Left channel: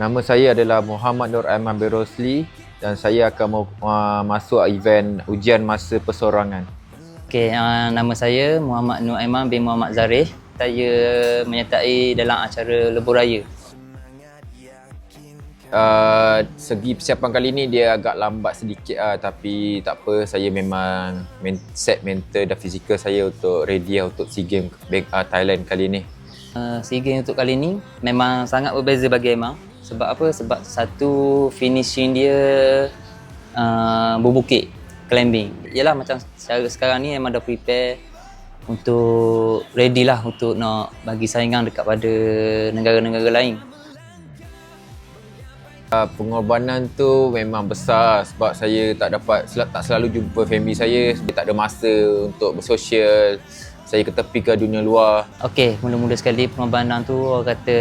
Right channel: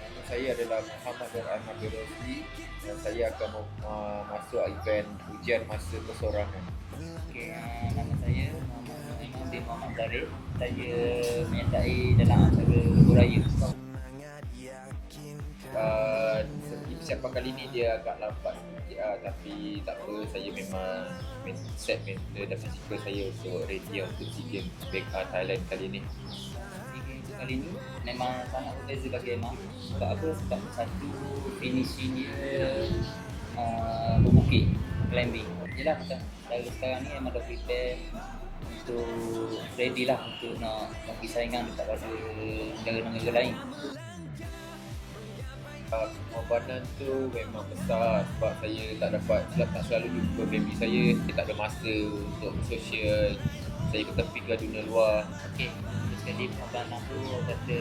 Nama saya adalah Muhammad Nur Aiman bin Rosli dan saya akan mau- uh, masuk event ujian masa persorangan. Okey, uh, nama saya Muhammad Nur Aiman bin Muhammad Zarif. Saya menyertai dalam acara Lebuh Raya. Uh, segi persiapan kali ni dia agak lambat sedikit lah tapi tak apa saya memang men- set mental dan fizikal saya untuk ready lah untuk SEA Games uh, Thailand kali ni. Uh, SEA Games untuk kali ni memang sangat berbeza bagi Aiman. Sebab apa? Sebab satu finishing dia uh, berbukit, climbing. Yalah macam sekarang ni Aiman dah prepare untuk ready lah untuk nak bagi saingan dekat pada negara-negara lain. Uh, pengorbanan tu memang besar sebab saya tak dapat tak selalu jumpa family saya, saya tak ada masa untuk bersosial. Saya ketepikan dunia luar. Okey, mula-mula sekali pengorbanan tu orang kata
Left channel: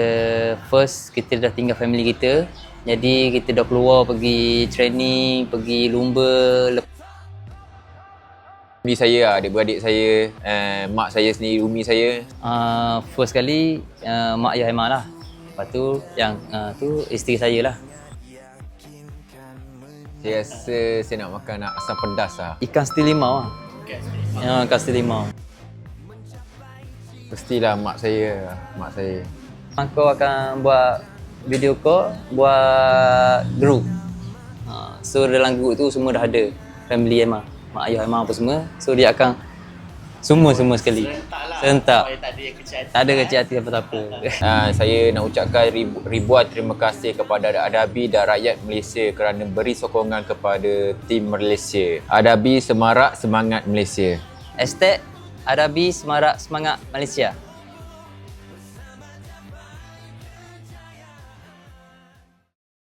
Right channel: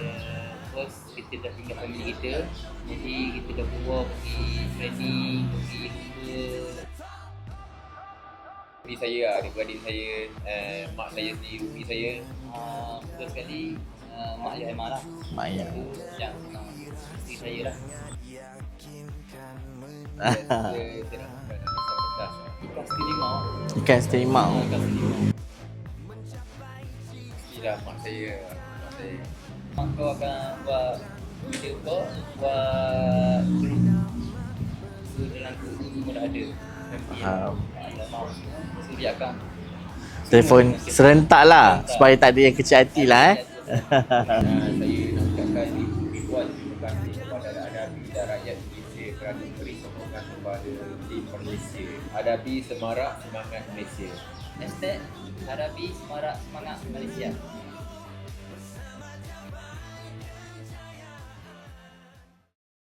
first kita dah tinggal family kita. Jadi kita dah keluar pergi training, pergi lumba. Lep- Family saya lah, adik-beradik saya, uh, mak saya sendiri, umi saya. Uh, first kali uh, mak ayah Aiman lah. Lepas tu yang uh, tu isteri saya lah. Rasa saya nak makan asam pedas lah. Ikan seti limau lah. Ikan steamer. Uh, ikan seti limau. Mestilah mak saya, mak saya. Aku akan buat video call, buat group. Uh, so dalam group tu semua dah ada. Family Aiman, mak ayah Aiman apa semua. So dia akan semua semua sekali. Serentak lah. Serentak. Supaya tak ada yang kecil hati Tak ada lah. kecil eh. hati apa-apa. Uh, saya nak ucapkan ribu, ribuan terima kasih kepada Adabi dan rakyat Malaysia kerana beri sokongan kepada tim Malaysia. Adabi Semarak Semangat Malaysia. Hashtag Adabi Semarak Semangat Malaysia.